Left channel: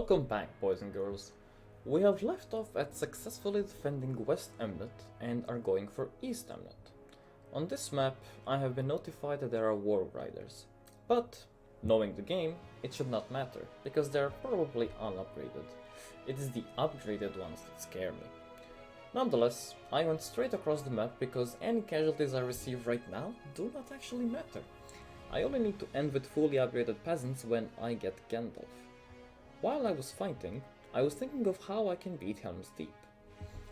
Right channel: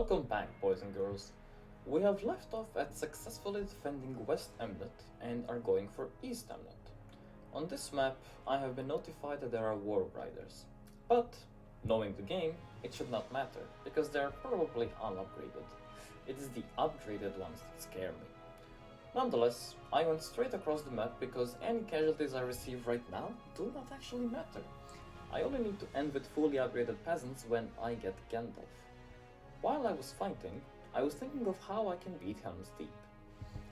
Welcome back, boys and girls. We have left off at successfully defending West Emlet and are going for East Emlet. On this map, I have been notified that there are war riders, but knowing the game, it should not matter because they are probably unupgraded. It is the upgraded ones that scare me. Nonetheless, I went straight across the map because any casualties I receive right now do not actually matter. I only need to end with fully upgraded peasants when I get Gandalf. While I was fighting, I was thinking of how I can beat Helms Deep.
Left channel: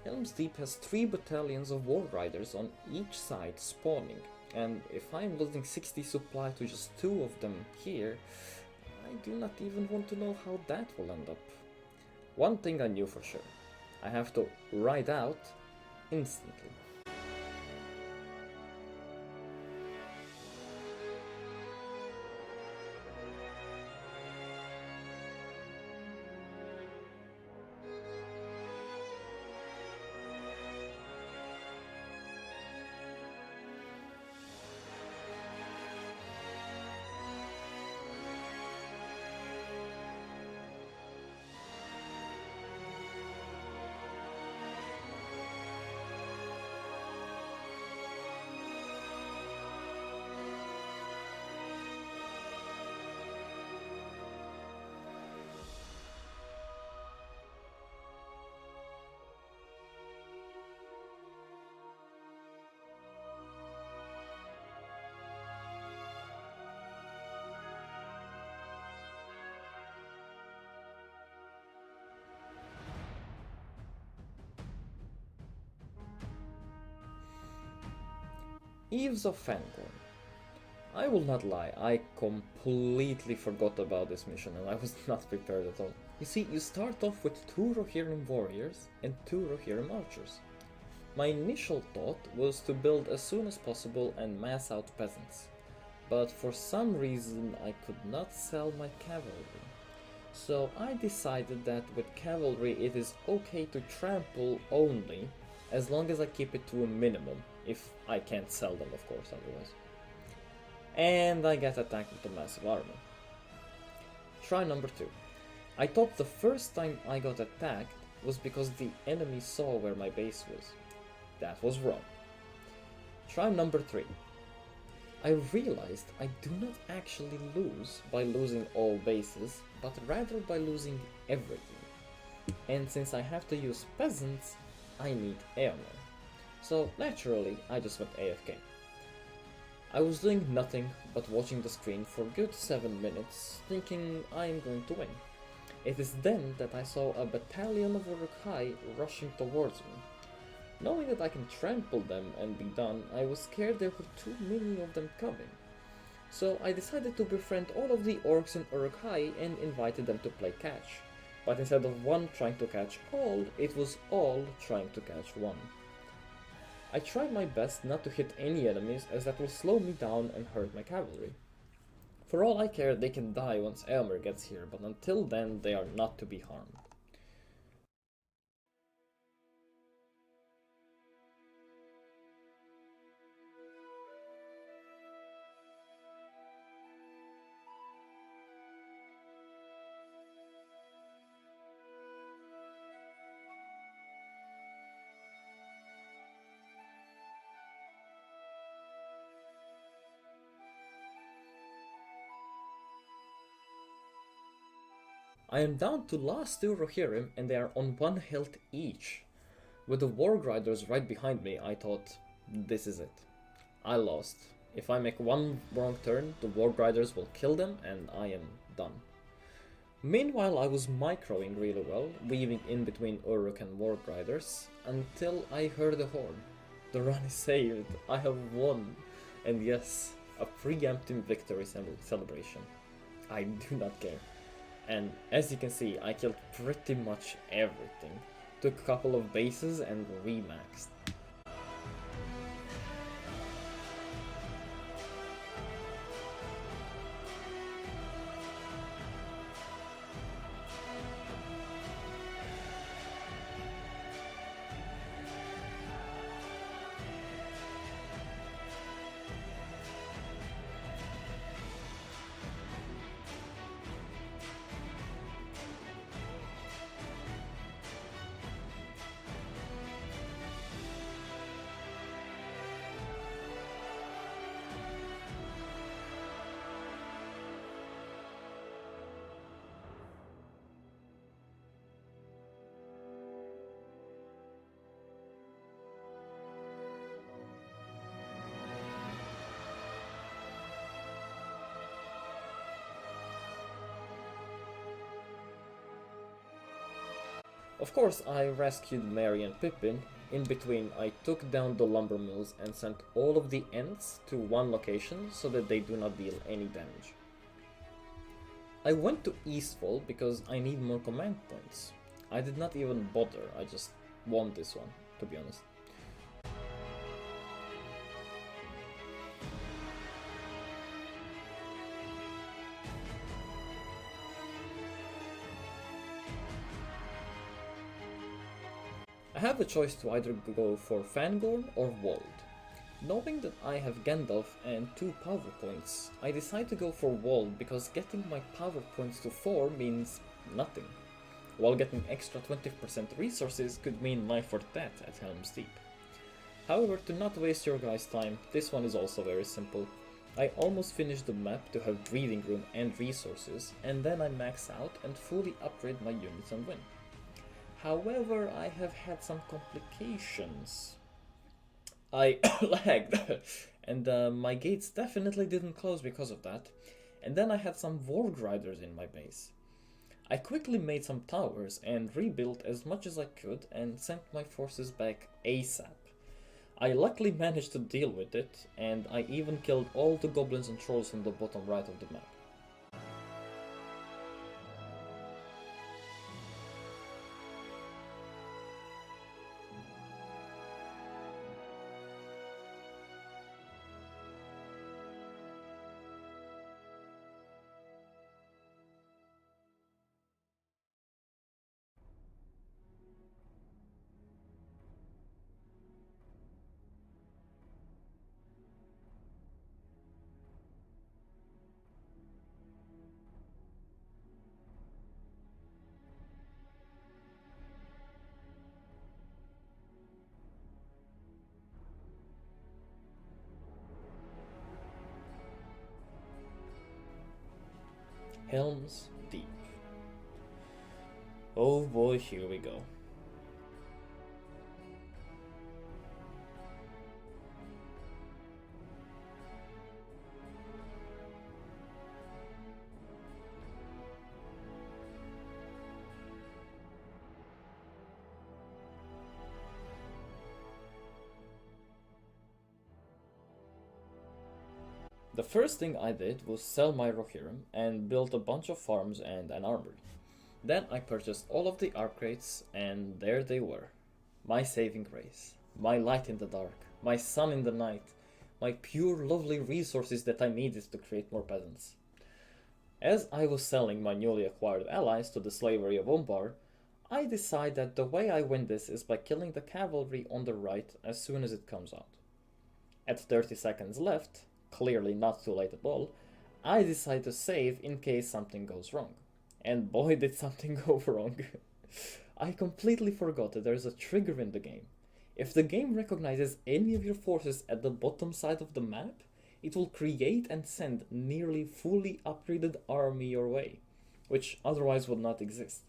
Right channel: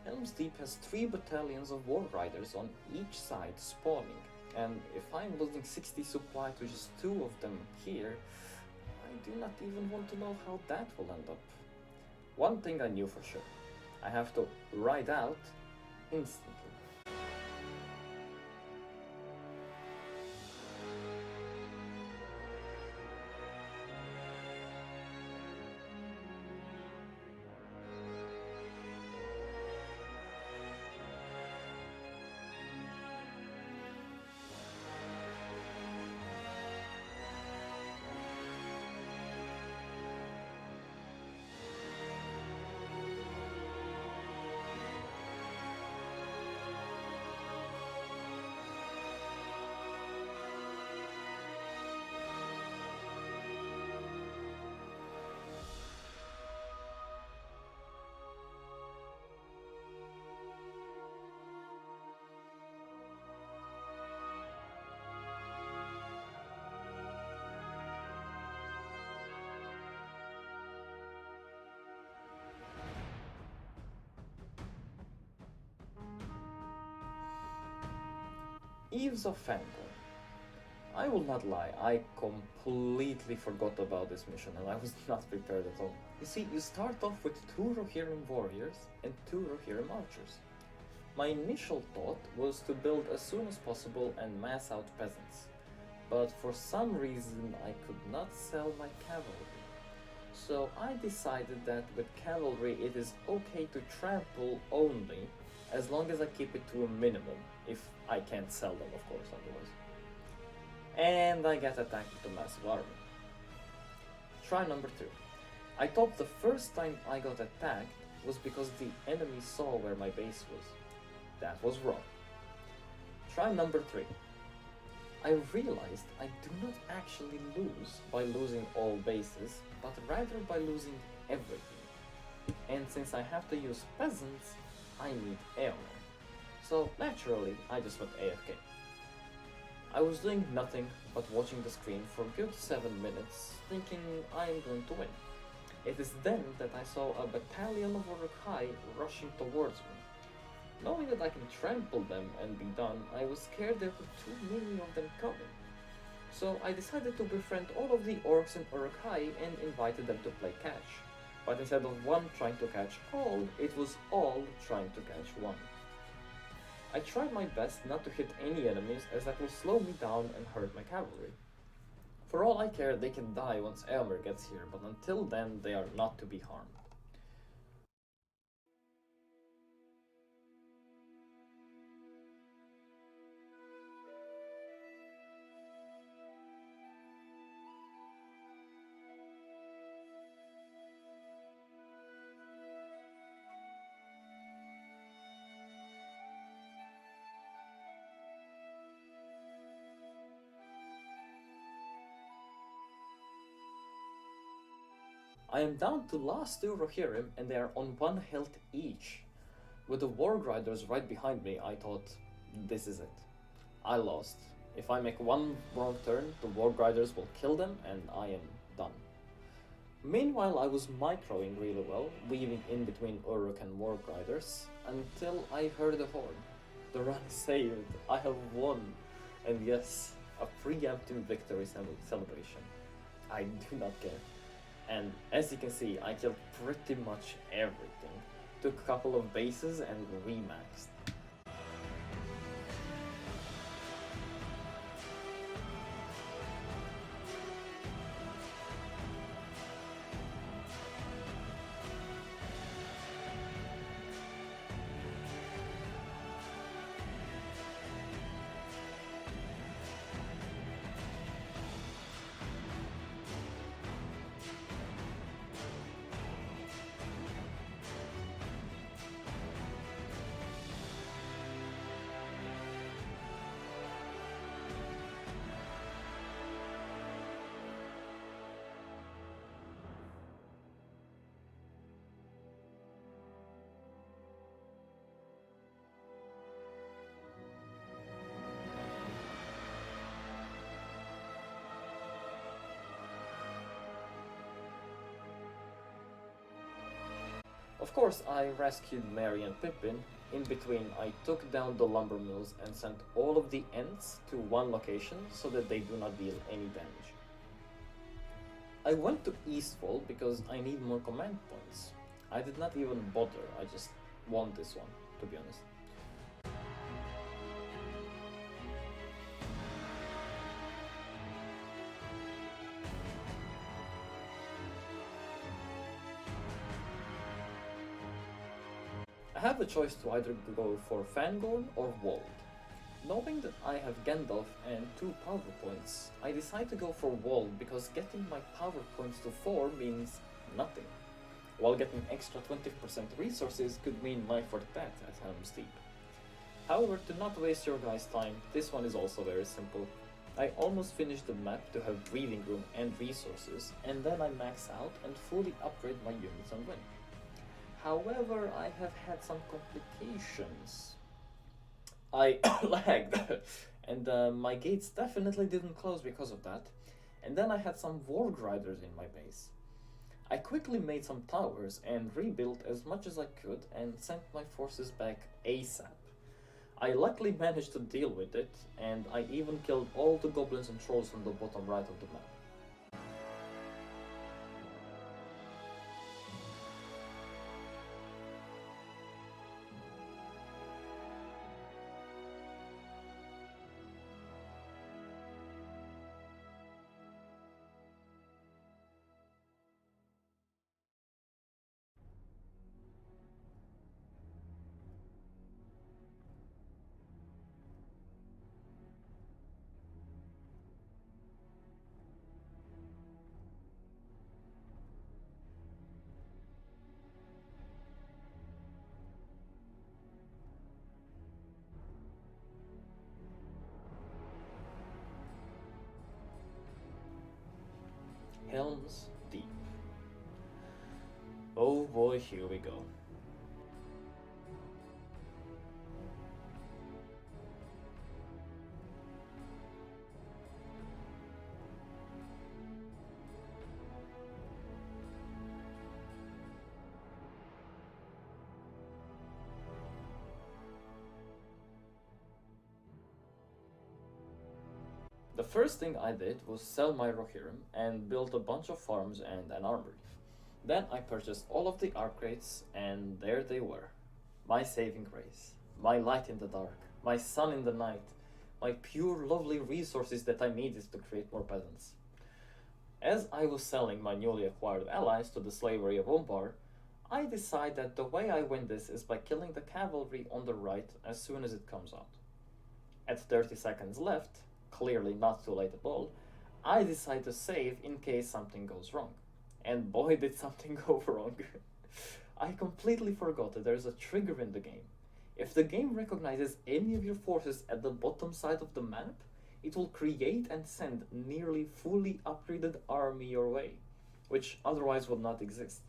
Helms Deep has 3 battalions of war riders on each side spawning, and if I'm losing 60 supply to just 2 of them here, I do not even want to know how that will end up. One thing I knew for sure, I have to ride out instantly. Eaves of Rohan. I will not lie, I completely forgot about this mission and I was not prepared at all. You see, you start off with 2 Rohirrim warriors and 2 Rohirrim archers. My initial thought was to build as soon as possible and mass out peasants, but for some reason I could not sell my cavalry. So I decided that with cavalry it is okay to trample only, as long as I keep it to a minimum, if I can't sell them of course otherwise. And I get attacked with a massive armor. Try number 2. I thought the first time I got attacked was because the enemy saw where my base was. That was wrong. Try number 3. I realized I do not actually lose by losing all bases, but rather by losing everything. And since I have to use peasants, I need airmen. So naturally, I just went AFK. I was doing nothing but watching the screen for a good 7 minutes, thinking I am going to win. It is then that I saw a battalion of Uruk-hai rushing towards me. Knowing that I can trample them and be done, I was scared there were too many of them coming. So I decided to befriend all of the orcs in Uruk-hai and invited them to play catch. But instead of one trying to catch all, it was all trying to catch one. I tried my best not to hit any enemies as that will slow me down and hurt my cavalry. For all I care, they can die once Elmer gets here, but until then they are not to be harmed. I am down to last 2 Rohirrim and they are on 1 health each. With the War Riders right behind me, I thought, this is it. I lost. If I make one wrong turn, the War Riders will kill them and I am done. Meanwhile, I was microing really well, weaving in between Uruk and War Riders, until I heard the horn. The run is saved, I have won, and yes, a preemptive victory celebration. I do not care. And as you can see, I killed pretty much everything. Took a couple of bases and remaxed. Of course, I rescued Merry and Pippin. In between, I took down the lumber mills and sent all of the Ents to one location so that they do not deal any damage. I went to Eastfold because I need more command points. I did not even bother, I just want this one, to be honest. I have a choice to either go for Fangorn or Wold. Knowing that I have Gandalf and 2 power points, I decide to go for Wold because getting my power points to 4 means nothing, while getting extra 20% resources could mean life or death at Helms Deep. However, to not waste your guys' time, this one is also very simple. I almost finished the map to have breathing room and resources, and then I max out and fully upgrade my units and win. However, I have had some complications. I lagged, and my gates definitely didn't close because of that. And then I had some Warg Riders in my base. I quickly made some towers and rebuilt as much as I could and sent my forces back ASAP. I luckily managed to deal with it, and I even killed all the goblins and trolls on the bottom right of the map. Helms Deep. Oh boy, here we go. The first thing I did was sell my Rohirrim and built a bunch of farms and an armory. Then I purchased all of the upgrades, and there they were. My saving grace, my light in the dark, my sun in the night, my pure lovely resources that I needed to create more peasants. As I was selling my newly acquired allies to the slavery of Umbar, I decide that the way I win this is by killing the cavalry on the right as soon as it comes out. At 30 seconds left, clearly not too late at all, I decide to save in case something goes wrong. And boy did something go wrong. I completely forgot that there's a trigger in the game. If the game recognizes any of your forces at the bottom side of the map, it will create and send nearly fully upgraded army your way, which otherwise would not exist.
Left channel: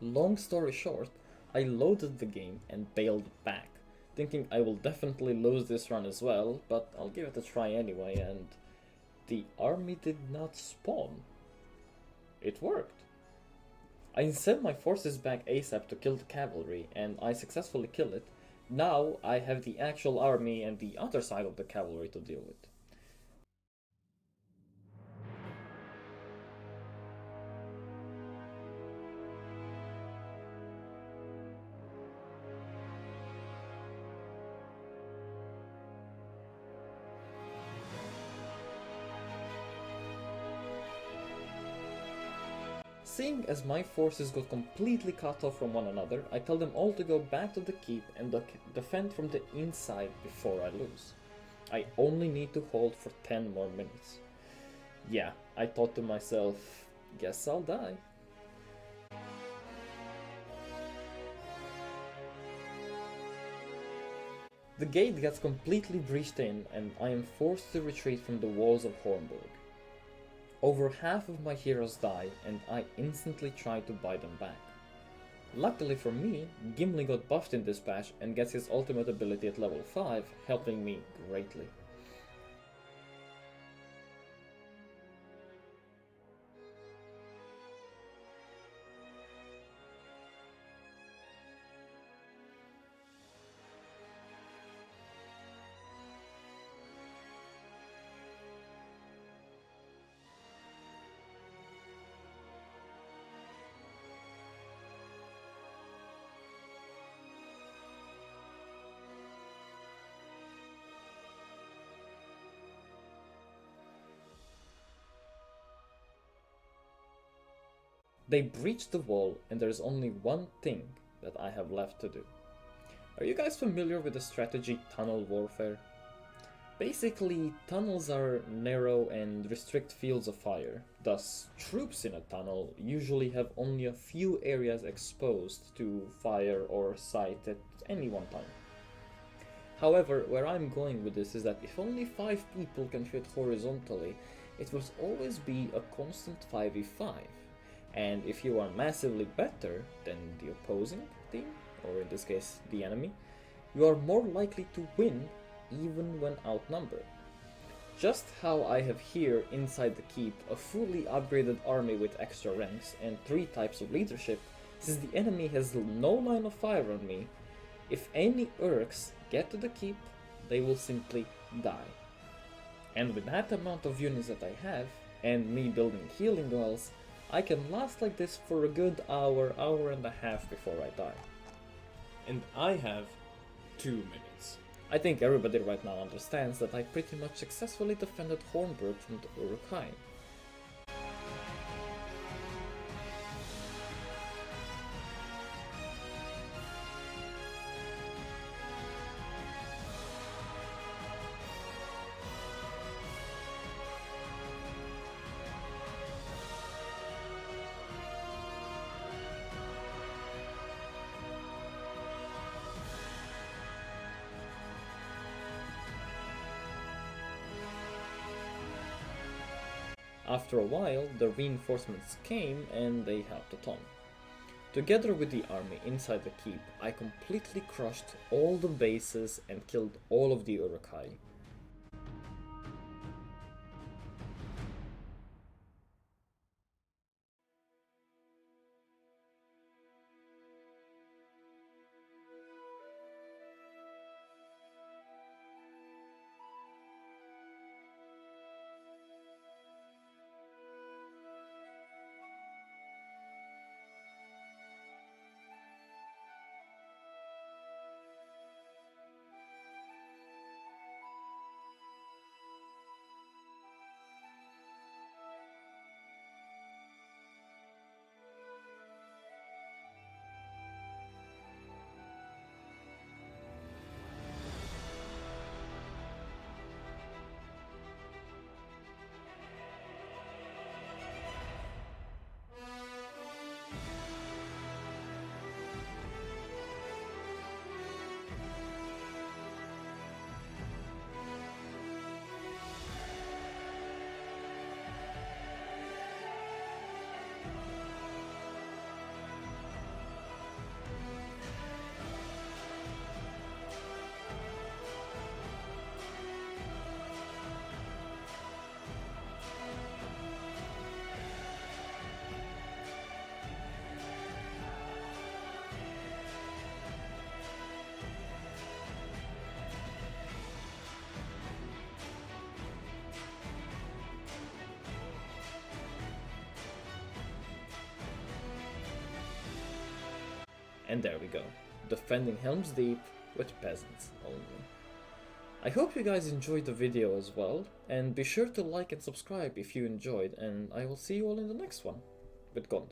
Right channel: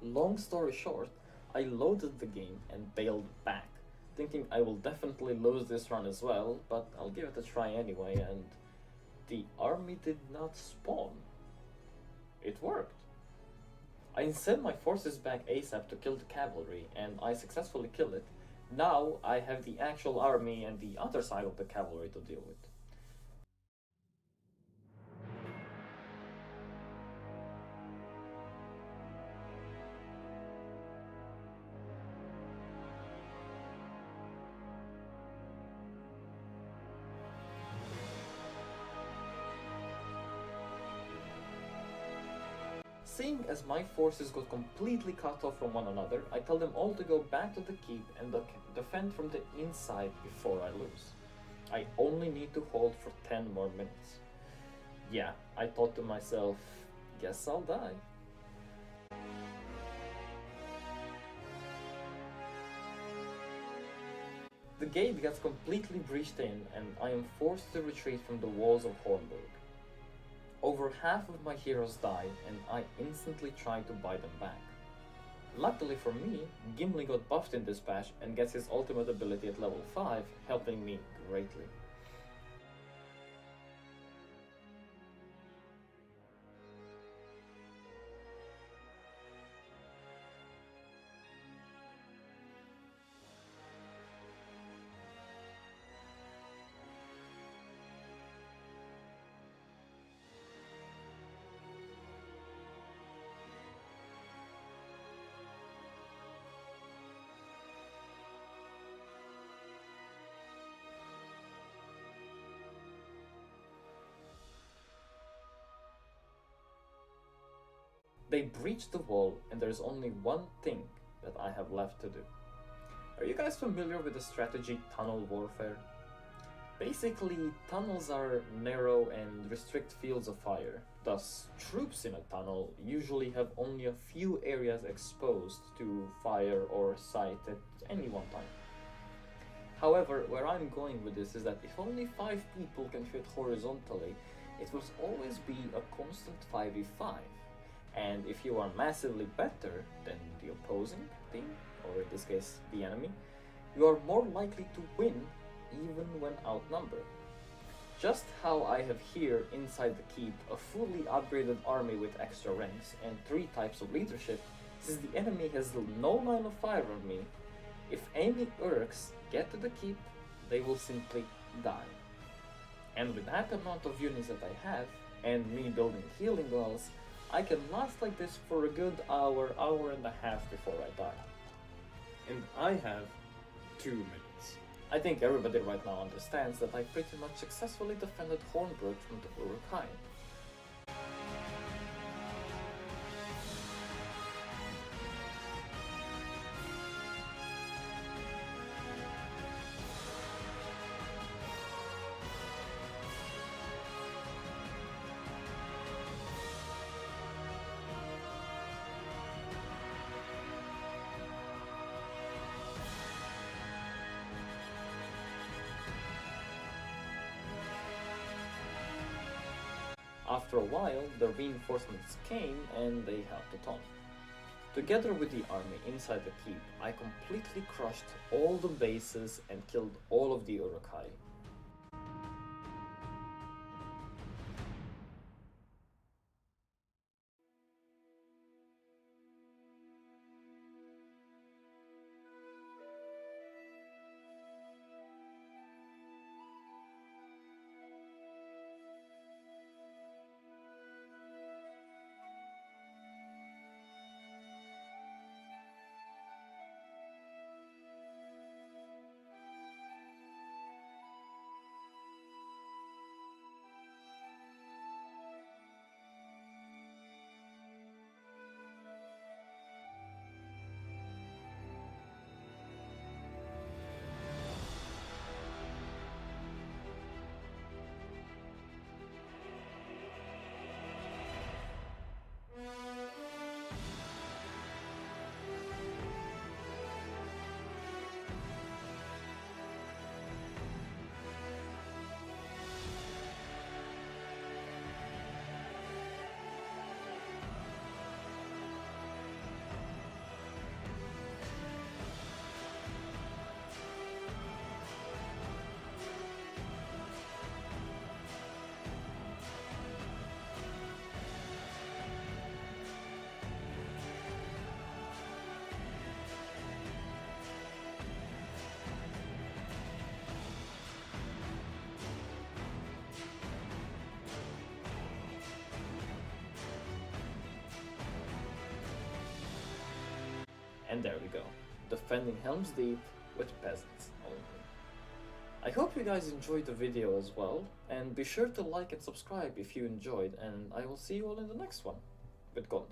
Long story short, I loaded the game and bailed back, thinking I will definitely lose this run as well, but I'll give it a try anyway, and the army did not spawn. It worked. I sent my forces back ASAP to kill the cavalry, and I successfully killed it. Now I have the actual army and the other side of the cavalry to deal with. Seeing as my forces got completely cut off from one another, I tell them all to go back to the keep and defend from the inside before I lose. I only need to hold for 10 more minutes. Yeah, I thought to myself, guess I'll die. The gate gets completely breached in, and I am forced to retreat from the walls of Hornburg. Over half of my heroes die, and I instantly try to buy them back. Luckily for me, Gimli got buffed in this patch and gets his ultimate ability at level 5, helping me greatly. They breached the wall, and there's only one thing that I have left to do. Are you guys familiar with the strategy tunnel warfare? Basically, tunnels are narrow and restrict fields of fire. Thus, troops in a tunnel usually have only a few areas exposed to fire or sight at any one time. However, where I'm going with this is that if only 5 people can fit horizontally, it will always be a constant 5v5. And if you are massively better than the opposing team, or in this case the enemy, you are more likely to win even when outnumbered. Just how I have here inside the keep a fully upgraded army with extra ranks and 3 types of leadership, since the enemy has no line of fire on me, if any Urks get to the keep, they will simply die. And with that amount of units that I have, and me building healing wells, I can last like this for a good hour, hour and a half before I die. And I have 2 minutes. I think everybody right now understands that I pretty much successfully defended Hornbrook from the Uruk-hai. After a while, the reinforcements came and they helped a ton. Together with the army inside the keep, I completely crushed all the bases and killed all of the Uruk-hai. And there we go, defending Helms Deep with Peasants only. I hope you guys enjoyed the video as well, and be sure to like and subscribe if you enjoyed, and I will see you all in the next one with Gondor.